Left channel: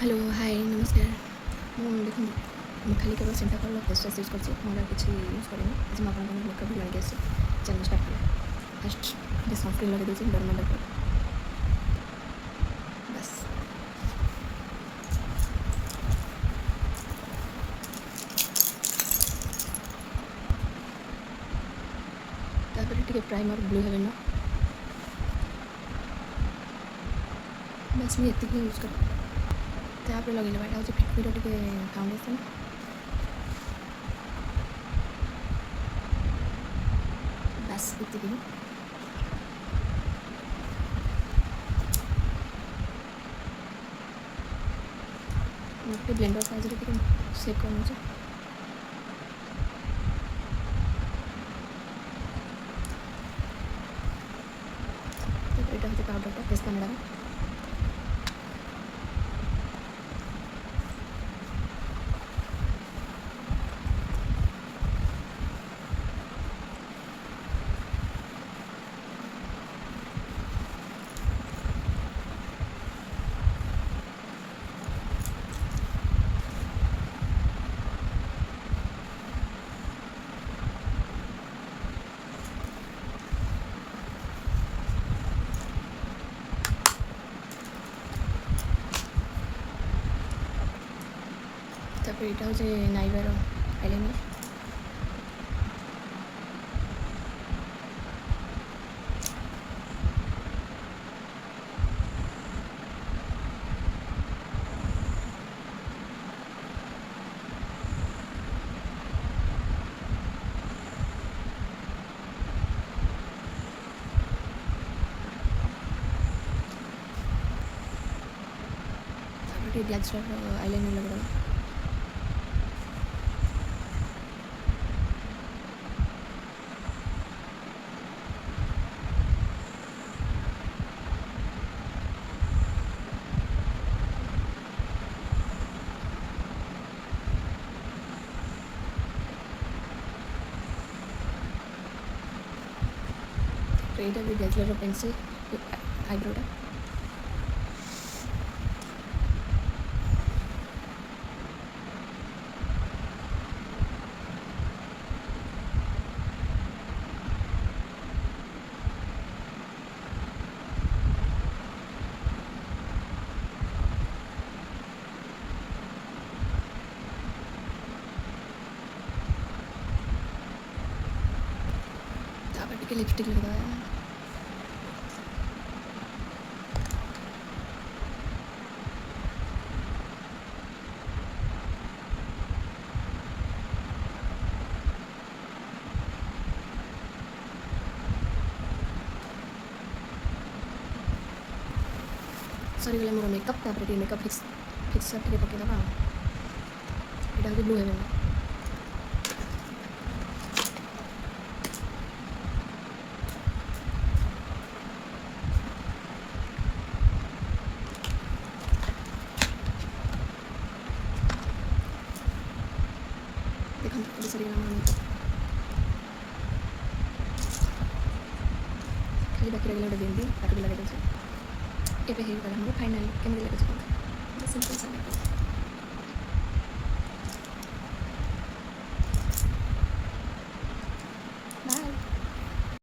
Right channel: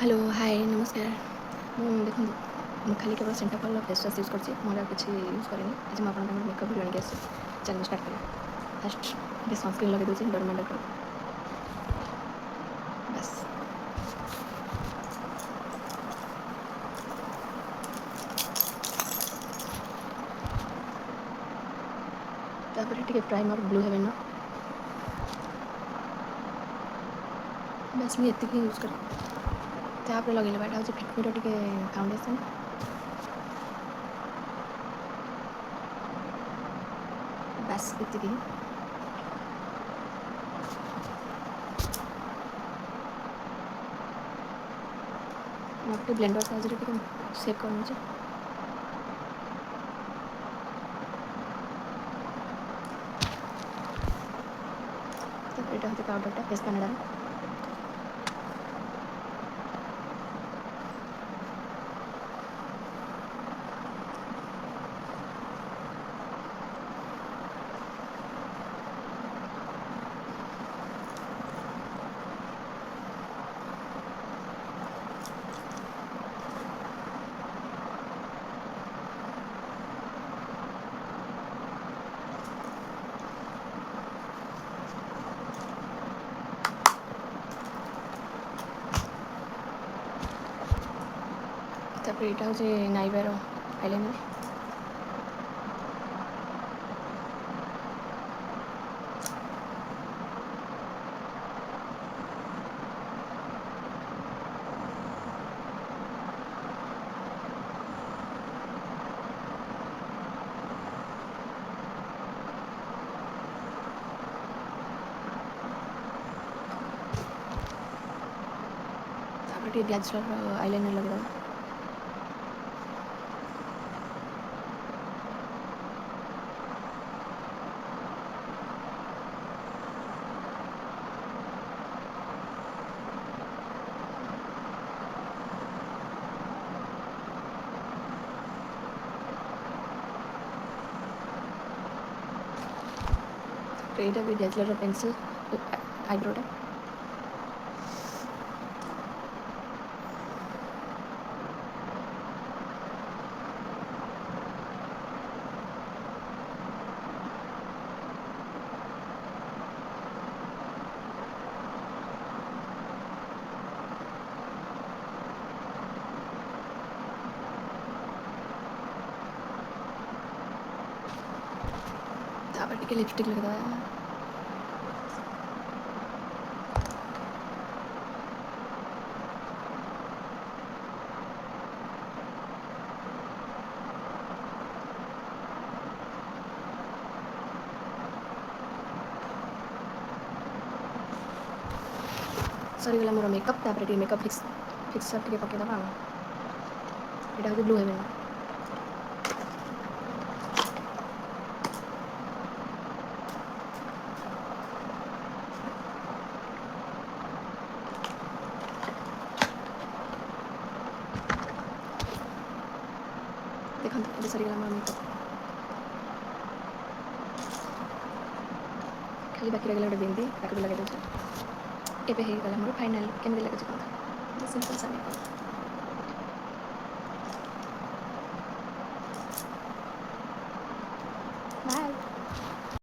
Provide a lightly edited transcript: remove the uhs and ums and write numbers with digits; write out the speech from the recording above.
Hello hi नमस्कार देखो खाली केवल सिंटाकल फेस वाश यूज कर मोर किसी यूज करेनि आज मुझे मेकअप भिडियो आगे आसी चैनल स्टार्ट करा फास्ट ये सनस्क्रीन लगे दूसरी डरमाल बस तापर टिके प्राइमर ब्लू हेवन बस ये यूज कर तापर लगे यहाँ हूँ फिटमीर टे फाउंडेसन बस ये मोटे ब्लेंडर साइज सेप कर यहाँ हूँ पाउडरटा फेस कनाडा तापर यहाँ हूँ नाइबार आईलाइनर तापर ब्लैक आईलाइनर लगे यहाँ भी डेजलर पेंसिल आईब्रोटा तापर टे लिपस्टिक लगा सरीगला मोर मेकअप तापर मेकअप फिक्सर टे पकईदे यहाँ हूँ ब्लू हेवन देखो सरीगला मोर मेकअप खाली बाकी लगे बिंदी ताकि लगे ये हो गला मोर फाइनाल केमती लगे सिंपल सा मेकअप।